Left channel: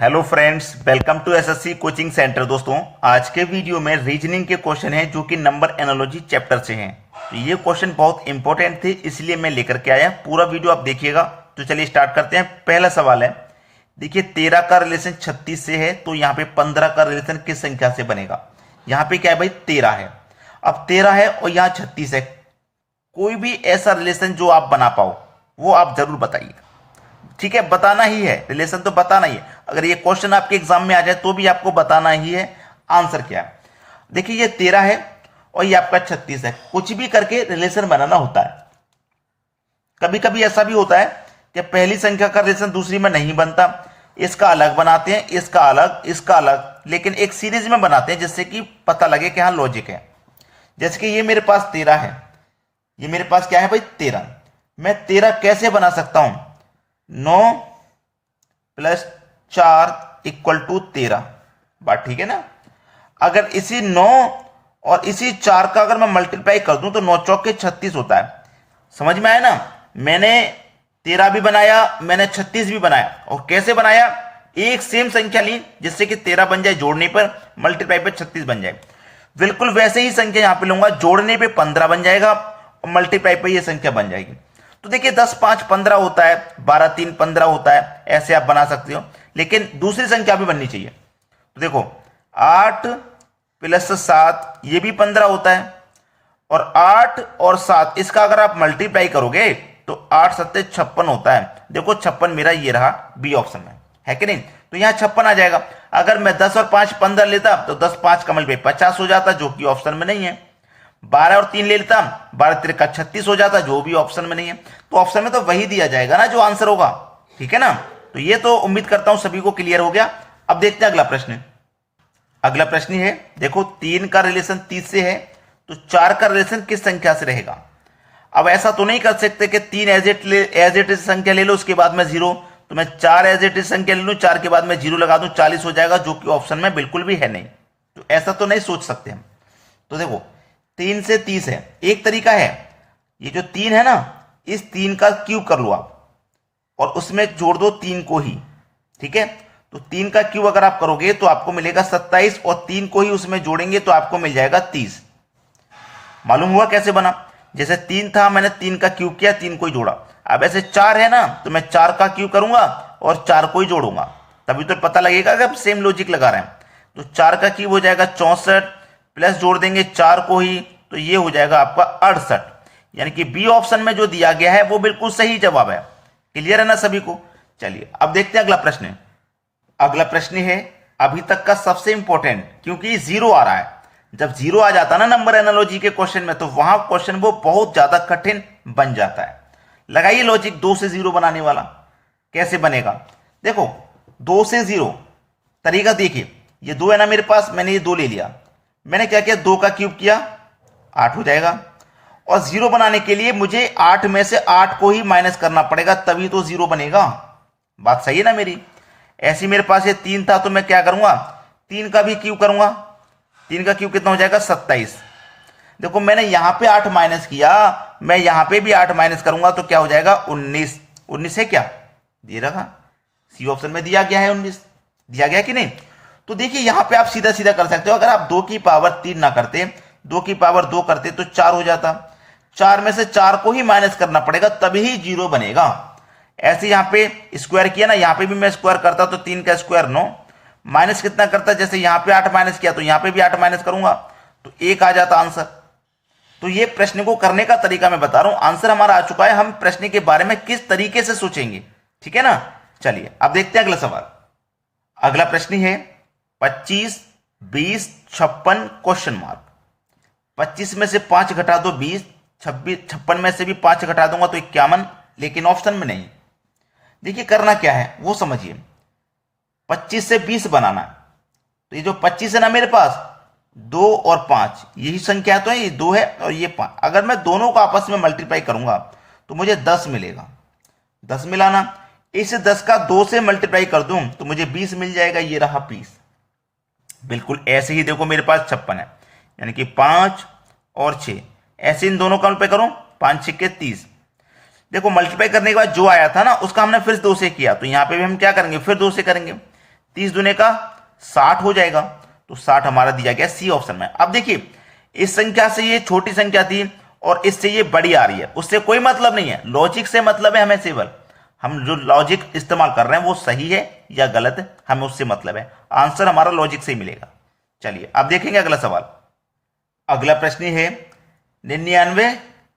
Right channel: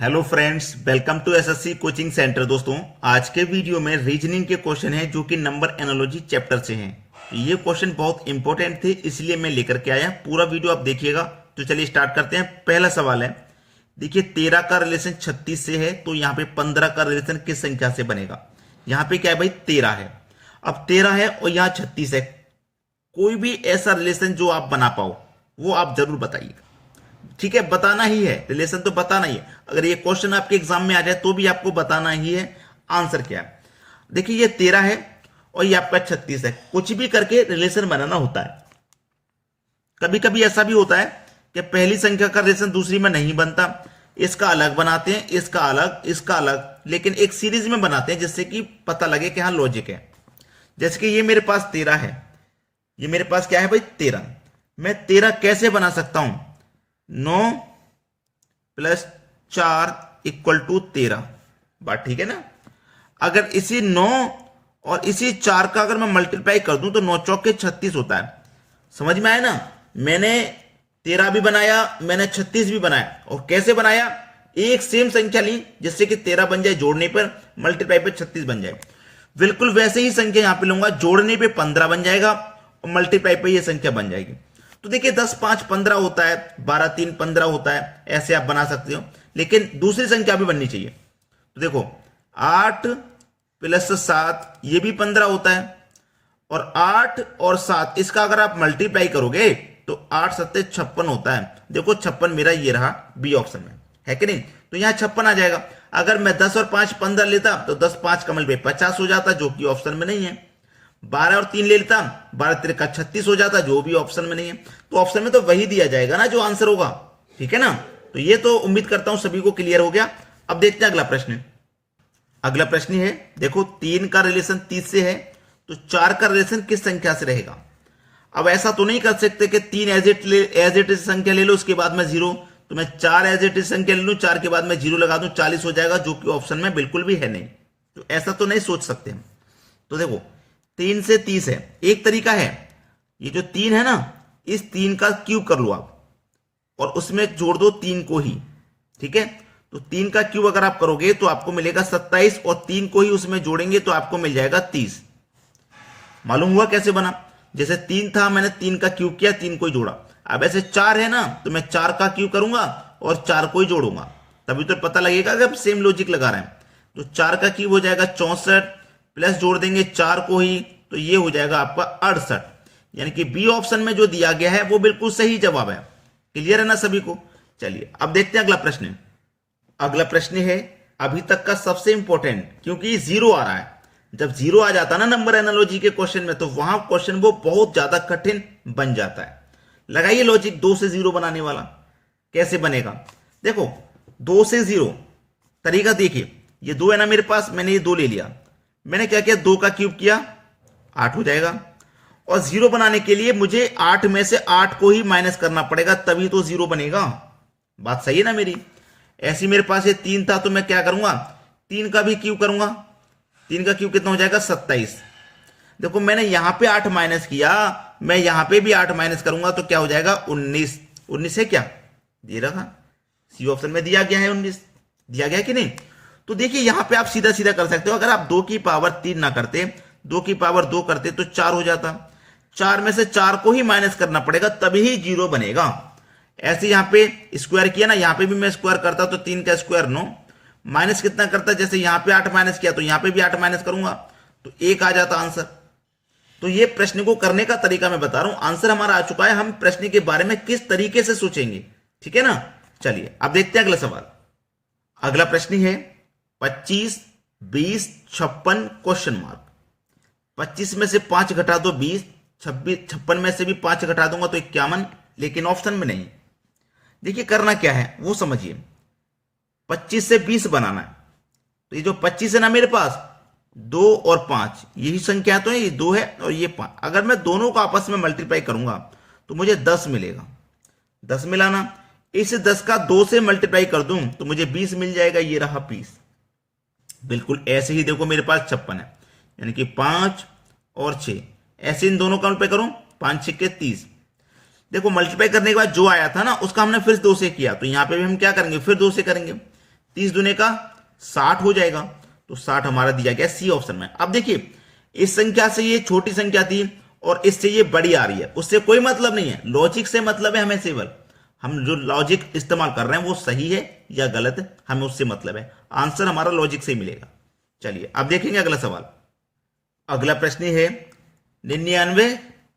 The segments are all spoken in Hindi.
Hello friends, welcome to SSC coaching centre. दोस्तों, आज के वीडियो में रीजनिंग के क्वेश्चन हैं जो कि नंबर एनालॉजी चैप्टर से हैं। तो ये क्वेश्चन बहुत इंपॉर्टेंट थे, इसलिए मैं लेकर के आया। पूरा वीडियो आप देखिएगा। तो चलिए स्टार्ट करते हैं। पहला सवाल है, देखिए 13 का रिलेशन 36 से है, तो यहाँ पे 15 का रिलेशन किस संख्या से बनेगा। यहाँ पे क्या है भाई, 13 है। अब 13 है और यहाँ 36 है। कोई भी ऐसा रिलेशन जो आप बना पाओ वो आप जरूर बताइए। ठीक है, बताना ही है, रिलेशन तो बताना ही है। अगर ये क्वेश्चन आपके एग्जाम में आ जाए तो भी आपको बताना ही है आंसर क्या है। देखिए ये 13 है और ये आपका 36 है। कुछ भी करके रिलेशन बनाना होता है। कभी कभी ऐसा भी होता है कि पहली संख्या का रिलेशन दूसरी में नहीं बनता, इसका अलग बनाते हैं, इसका अलग, इसका अलग, लेकिन एक सीरीज में बनाते हैं जिससे कि पता लगे कि हाँ लॉजिक है। जैसे कि ये मेरे पास 13 है, ये मेरे पास क्या है भाई 13। मैं 13 कैसे बना सकता हूं, 9 प्लस 4 इक्वल टू 13। बात ठीक है ना। अगर इसी 9 और इसी 4 का अगर मैं मल्टीप्लाई कर दूं तो 9 चौके 36 होता है। समझ में आया ना। मैंने 13 भी बनाया, मैंने 36 भी बनाया। और कैसे बनाया, एक सेम संख्या ली जिससे कि 13 बन जाए जोड़ने पर, मल्टीप्लाई पे 36 बन जाए। बिल्कुल वैसे ही संख्या यहां पे लूंगा, जोड़ने पे 15 बन जाएगा और मल्टीप्लाई पे ये संख्या बन जाएगी। तो देखिए 10 5 15 होता है, 12 3 15 होता है, ऐसे आप बना सकते हो। लेकिन दूसरी संख्या भी बननी चाहिए। तो देखो 8 प्लस 7 ये भी 15 होता है, और 8 और 7 इसका अगर आप मल्टीप्लाई करोगे तो 8 सत्ते 56 होता है। देखो 56 मेरा ये रहा बी ऑप्शन में, है कि नहीं। तो यहां 56 आ जाएगा। अगर मैं 10 और 5 15 लेता तो 10 5 का मल्टीप्लाई 50 हो जाता, जो कि ऑप्शन में नहीं है। 12 और 3 ले लेता, 12 3 का 36 हो जाता, जो भी ऑप्शन में नहीं है। तो ऑप्शन में तो वही दिया जाएगा ना जो आंसर होगा। ठीक है ना। तो ये तो उम्मीद करता हूं सभी को क्लियर हो गया। अब देखते हैं अगला प्रश्न। अगला प्रश्न है, देखो 3 का रिलेशन 30 से है, तो 4 का रिलेशन किस संख्या से रहेगा। अब ऐसा तो नहीं कर सकते कि 3 एज इट इज संख्या ले लो, उसके बाद में 0। तो मैं 4 एज इट इज संख्या ले लूं, 4 के बाद में 0 लगा दूं, 40 हो जाएगा, जो कि ऑप्शन में बिल्कुल भी है नहीं। तो ऐसा तो नहीं सोच सकते हम। तो देखो 3 से 30 है, एक तरीका है, ये जो 3 है ना, इस 3 का क्यूब कर लो आप और उसमें जोड़ दो 3 को ही। ठीक है। तो 3 का क्यूब अगर आप करोगे तो आपको मिलेगा 27, और 3 को ही उसमें जोड़ेंगे तो आपको मिल जाएगा 30। मालूम हुआ कैसे बना। जैसे 3 था, मैंने 3 का क्यूब किया, 3 को ही जोड़ा। अब ऐसे 4 है ना, तो मैं 4 का क्यूब करूंगा और 4 को ही जोड़ूंगा, तभी तो पता लगेगा कि आप सेम लॉजिक लगा रहे हैं। तो 4 का क्यूब हो जाएगा 64, प्लस जोड़ देंगे 4 को ही, तो ये हो जाएगा आपका 68। यानी कि बी ऑप्शन में जो दिया गया है वो बिल्कुल सही जवाब है। क्लियर है ना सभी को। चलिए अब देखते हैं अगला प्रश्न। अगला प्रश्न है अभी तक का सबसे इंपॉर्टेंट, क्योंकि 0 आ रहा है। जब 0 आ जाता है ना नंबर एनालॉजी के क्वेश्चन में, तो वहां क्वेश्चन वो बहुत ज्यादा कठिन बन जाता है। लगाइए लॉजिक 2 से 0 बनाने वाला। कैसे बनेगा, देखो 2 से 0 तरीका देखिए। ये 2 है ना मेरे पास, मैंने ये 2 ले लिया। मैंने क्या किया, 2 का क्यूब किया, 8 हो जाएगा। और 0 बनाने के लिए मुझे 8 में से 8 को ही माइनस करना पड़ेगा, तभी तो 0 बनेगा। बात सही है ना मेरी। ऐसी मेरे पास ये 3 था, तो मैं क्या करूंगा, 3 का भी क्यूब करूंगा। 3 का क्यूब कितना हो जाएगा, 27। देखो मैंने यहां पे 8 माइनस किया, मैं यहां पे भी 8 माइनस करूंगा तो क्या हो जाएगा, 19। 19 है क्या, दे रखा, सी ऑप्शन में दिया गया है 19, दिया गया कि नहीं। तो देखिए यहां पे आप सीधा सीधा कर सकते हो। अगर आप 2 की पावर 3 ना करते, 2 की पावर 2 करते तो 4 हो जाता। 4 में से 4 को ही माइनस करना पड़ेगा, तभी 0 बनेगा। ऐसे यहां पे स्क्वायर किया ना, यहां पे भी मैं स्क्वायर करता तो 3 का स्क्वायर 9, माइनस कितना करता, जैसे यहां पे 8 माइनस किया तो यहां पे भी 8 माइनस करूंगा तो 1 आ जाता आंसर। तो ये प्रश्न को करने का तरीका मैं बता रहा हूं, आंसर हमारा आ चुका है। हम प्रश्न के बारे में किस तरीके से सोचेंगे, ठीक है ना। चलिए अब देखते हैं अगला सवाल। अगला प्रश्न है 25 20 56 क्वेश्चन मार्क। 25 में से 5 घटा दो 20, 26 56 में से भी 5 घटा दूंगा तो 51, लेकिन ऑप्शन में नहीं। देखिए करना क्या है वो समझिए। 25 से 20 बनाना है, तो ये जो 25 है ना मेरे पास, 2 और 5 यही संख्या तो है, ये 2 है और ये 5। अगर मैं दोनों को आपस में मल्टीप्लाई करूंगा तो मुझे 10 मिलेगा। 10 मिलाना, इस 10 का 2 से मल्टीप्लाई कर दूं तो मुझे 20 मिल जाएगा, ये रहा 20। बिल्कुल ऐसे ही देखो मेरे पास 56 है, यानी कि 5 और 6, ऐसे इन दोनों का मल्टीप्लाई करूं, 5 6 के 30। देखो मल्टीप्लाई करने के बाद जो आया था ना, उसका हमने फिर 2 से किया, तो यहां पे भी हम क्या करेंगे, फिर 2 से करेंगे। 30 दूने का 60 हो जाएगा। तो 60 हमारा दिया गया सी ऑप्शन में। अब देखिए इस संख्या से ये छोटी संख्या थी और इससे ये बड़ी आ रही है, उससे कोई मतलब नहीं है, लॉजिक से मतलब है हमें केवल। हम जो लॉजिक इस्तेमाल कर रहे हैं वो सही है या गलत है, हमें उससे मतलब है। आंसर हमारा लॉजिक से ही मिलेगा। चलिए अब देखेंगे अगला सवाल। अगला प्रश्न है 99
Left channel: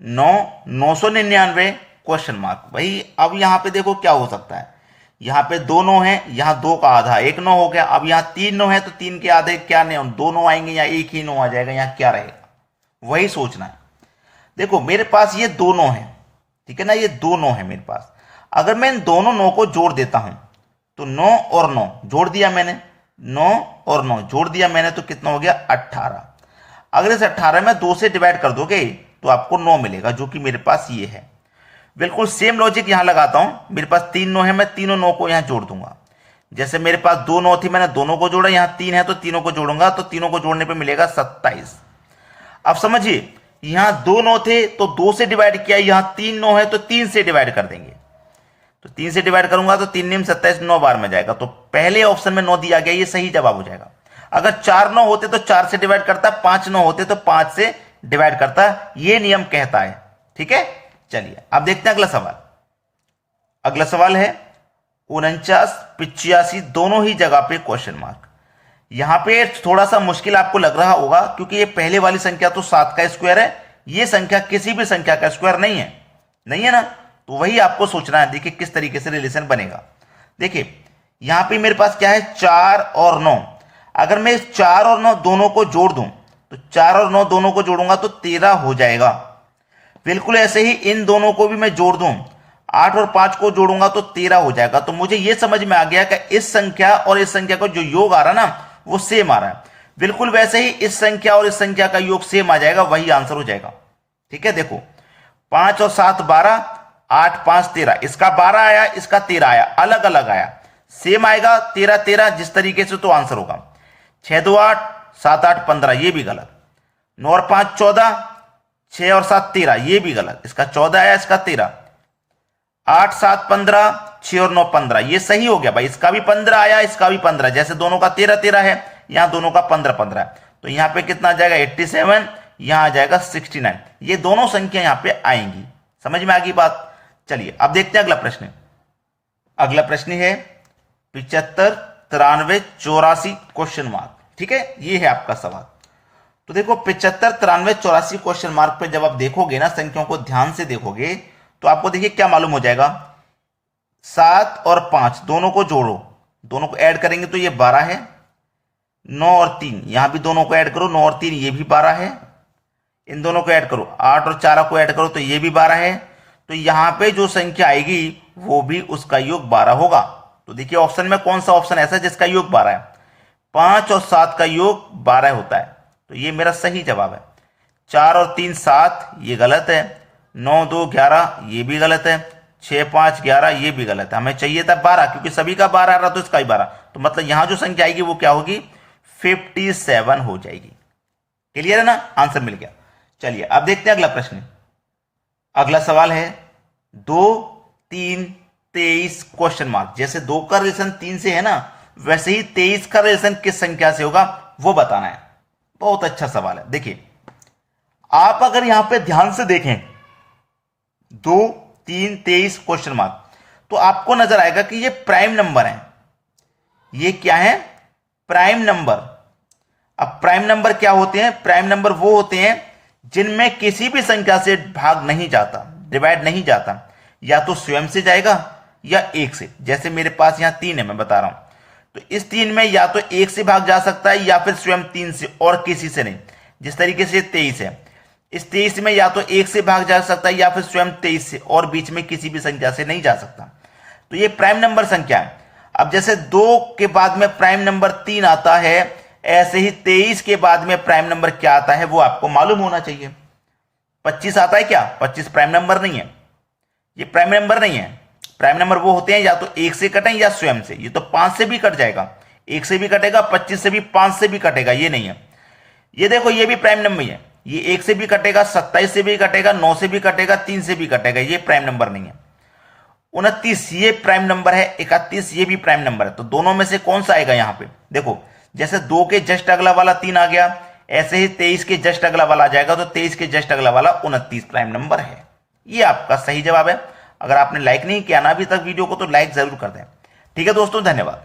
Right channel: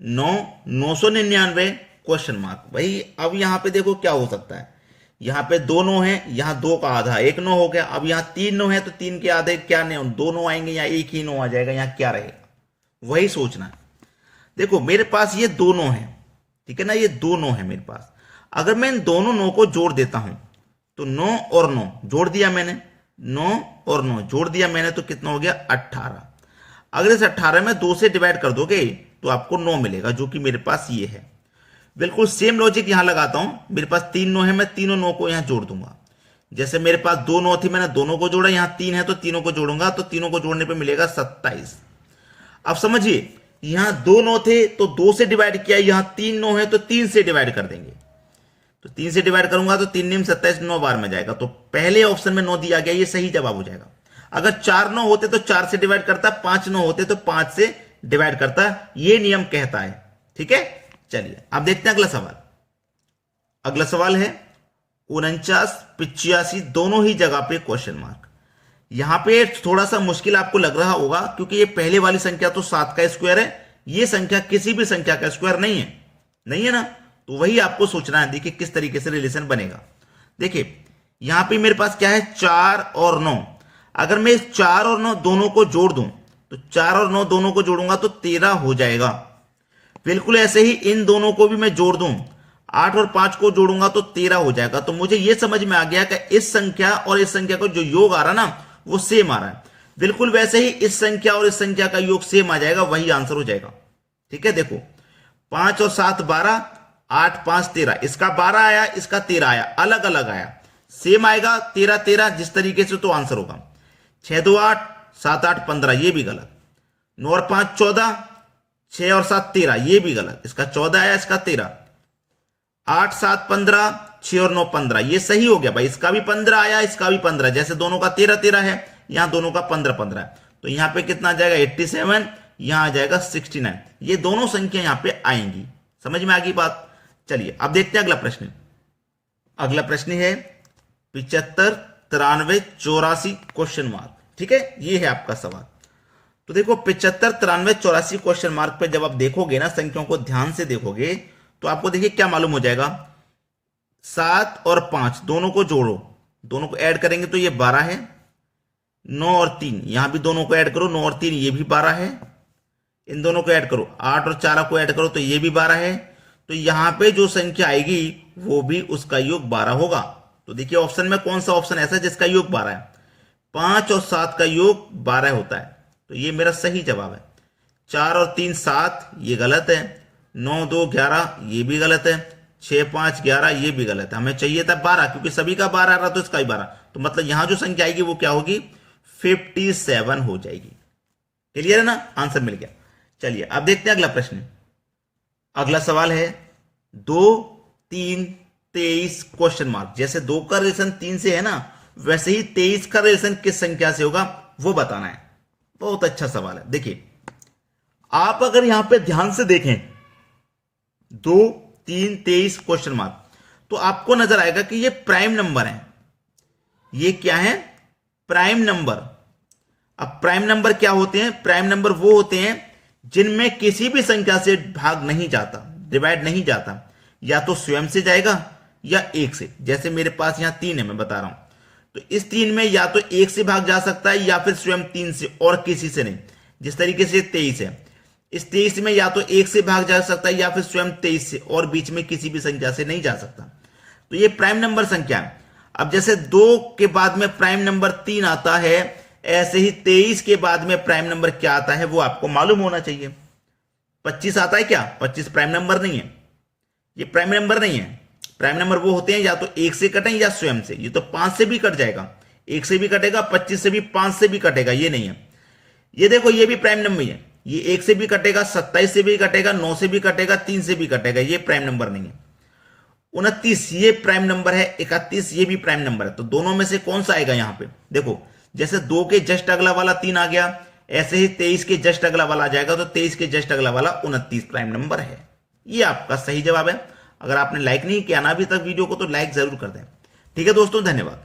9 999 क्वेश्चन मार्क। भाई अब यहां पे देखो क्या हो सकता है, यहां पे 2 9 है, यहां 2 का आधा 1 9 हो गया। अब यहां 3 9 है तो 3 के आधे क्या नहीं, 2 9 आएंगे या एक ही 9 आ जाएगा, यहां क्या रहेगा वही सोचना है। देखो मेरे पास ये 2 9 है, ठीक है ना, ये 2 9 है मेरे पास। अगर मैं इन दोनों 9 को जोड़ देता हूं तो 9 और 9 जोड़ दिया मैंने, 9 और 9 जोड़ दिया मैंने तो कितना हो गया 18। अगर इस 18 में 2 से डिवाइड कर दोगे तो आपको 9 मिलेगा, जो कि मेरे पास ये है। बिल्कुल सेम लॉजिक यहां लगाता हूं। मेरे पास 3 9 है, मैं तीनों 9 को यहां जोड़ दूंगा। जैसे मेरे पास 2 9 थी, मैंने दोनों को जोड़ा, यहां 3 है तो तीनों को जोड़ूंगा, तो तीनों को जोड़ने पे मिलेगा 27। अब समझिए यहां 2 9 थे तो 2 से डिवाइड किया, यहां 3 9 है तो 3 से डिवाइड कर देंगे। तो 3 से डिवाइड करूंगा तो 3 9 27, 9 बार में जाएगा। तो पहले ऑप्शन में 9 दिया गया, ये सही जवाब हो जाएगा। अगर 4 9 होते तो 4 से डिवाइड करता, 5 9 होते तो 5 से डिवाइड करता, ये नियम कहता है। ठीक है, चलिए अब देखते हैं अगला सवाल। अगला सवाल है 49 85 दोनों ही जगह पे क्वेश्चन मार्क। यहां पे थोड़ा सा मुश्किल आपको लग रहा होगा क्योंकि ये पहले वाली संख्या तो 7 का स्क्वायर है, ये संख्या किसी भी संख्या का स्क्वायर नहीं है, नहीं है ना। तो वही आपको सोचना है। देखिए किस तरीके से रिलेशन बनेगा। देखिए यहां पे मेरे पास क्या है 4 और 9। अगर मैं इस 4 और 9 दोनों को जोड़ दूं तो 4 और 9 दोनों को जोड़ूंगा तो 13 हो जाएगा। बिल्कुल ऐसे ही इन दोनों को भी मैं जोड़ दूं, 8 और 5 को जोड़ूंगा तो 13 हो जाएगा। तो मुझे यह समझ में आ गया कि इस संख्या और इस संख्या का जो योग आ रहा ना वो सेम आ रहा है। बिल्कुल वैसे ही इस संख्या और इस संख्या का योग सेम आ जाएगा, वही आंसर हो जाएगा। ठीक है, देखो 5 और 7 12, 8 5 13, इसका 12 आया, इसका 13 आया, अलग अलग आया, सेम आएगा 13 13 जिस तरीके से, तो आंसर होगा 6 2 8, 7 8 15, ये भी गलत। 9 और 5 14, 6 और 7 13, ये भी गलत, इसका 14 आया, इसका 13। 8 7 15, 6 और 9 15, ये सही हो गया भाई, इसका भी 15 आया, इसका भी 15, जैसे दोनों का 13 13 है, यहां दोनों का 15 15 है। तो यहां पे कितना आ जाएगा 87, यहां आ जाएगा 69। ये दोनों संख्या यहां पे आएंगी। समझ में आ गई बात। चलिए अब देखते हैं अगला प्रश्न। अगला प्रश्न है 75 93 84 क्वेश्चन मार्क। ठीक है, ये है आपका सवाल। तो देखो 75 93 84 क्वेश्चन मार्क पे जब आप देखोगे ना, संख्याओं को ध्यान से देखोगे तो आपको देखिए क्या मालूम हो जाएगा। 7 और 5 दोनों को जोड़ो, दोनों को ऐड करेंगे तो ये 12 है। 9 और 3 यहां भी दोनों को ऐड करो, 9 और 3 ये भी 12 है। इन दोनों को ऐड करो, 8 और 4 को ऐड करो तो ये भी 12 है। तो यहां पे जो संख्या आएगी वो भी उसका योग 12 होगा। तो देखिए ऑप्शन में कौन सा ऑप्शन ऐसा है जिसका योग 12 है। 5 और 7 का योग 12 होता है, तो ये मेरा सही जवाब है। 4 और 3 7, ये गलत है। 9 2 11, ये भी गलत है। 6 5 11, ये भी गलत है। हमें चाहिए था 12, क्योंकि सभी का 12 आ रहा तो इसका ही 12, तो मतलब यहां जो संख्या आएगी वो क्या होगी 57 हो जाएगी। क्लियर है ना, आंसर मिल गया। चलिए अब देखते हैं अगला प्रश्न। अगला सवाल है 2 3 23 क्वेश्चन मार्क। जैसे 2 का रिलेशन 3 से है ना, वैसे ही 23 का रिलेशन किस संख्या से होगा वो बताना है। बहुत अच्छा सवाल है। देखिए आप अगर यहां पे ध्यान से देखें 2 3 23 क्वेश्चन मार्क, तो आपको नजर आएगा कि ये प्राइम नंबर है। ये क्या है, प्राइम नंबर। अब प्राइम नंबर क्या होते हैं, प्राइम नंबर वो होते हैं जिनमें किसी भी संख्या से भाग नहीं जाता, डिवाइड नहीं जाता, या तो स्वयं से जाएगा या 1 से। जैसे मेरे पास यहां 3 है, मैं बता रहा हूं, तो इस 3 में या तो 1 से भाग जा सकता है या फिर स्वयं 3 से, और किसी से नहीं। जिस तरीके से 23 है, इस 23 में या तो 1 से भाग जा सकता है या फिर स्वयं 23 से, और बीच में किसी भी संख्या से नहीं जा सकता। तो ये प्राइम नंबर संख्या है। अब जैसे 2 के बाद में प्राइम नंबर 3 आता है, ऐसे ही 23 के बाद में प्राइम नंबर क्या आता है वो आपको मालूम होना चाहिए। 25 आता है क्या, 25 प्राइम नंबर नहीं है, ये प्राइम नंबर नहीं है। प्राइम नंबर वो होते हैं या तो 1 से कटें या स्वयं से। ये तो 5 से भी कट जाएगा, 1 से भी कटेगा, 25 से भी, 5 से भी कटेगा, ये नहीं है। ये देखो ये भी प्राइम नंबर है, ये 1 से भी कटेगा, 27 से भी कटेगा, 9 से भी कटेगा, 3 से भी कटेगा, ये प्राइम नंबर नहीं है। 29 ये प्राइम नंबर है, 31 ये भी प्राइम नंबर है। तो दोनों में से कौन सा आएगा यहाँ पे? देखो जैसे 2 के जस्ट अगला वाला 3 आ गया, ऐसे ही 23 के जस्ट अगला वाला आ जाएगा। तो 23 के जस्ट अगला वाला 29 प्राइम नंबर है। ये आपका सही जवाब है। अगर आपने लाइक नहीं किया ना अभी तक वीडियो को तो लाइक जरूर कर दें। ठीक है दोस्तों, धन्यवाद।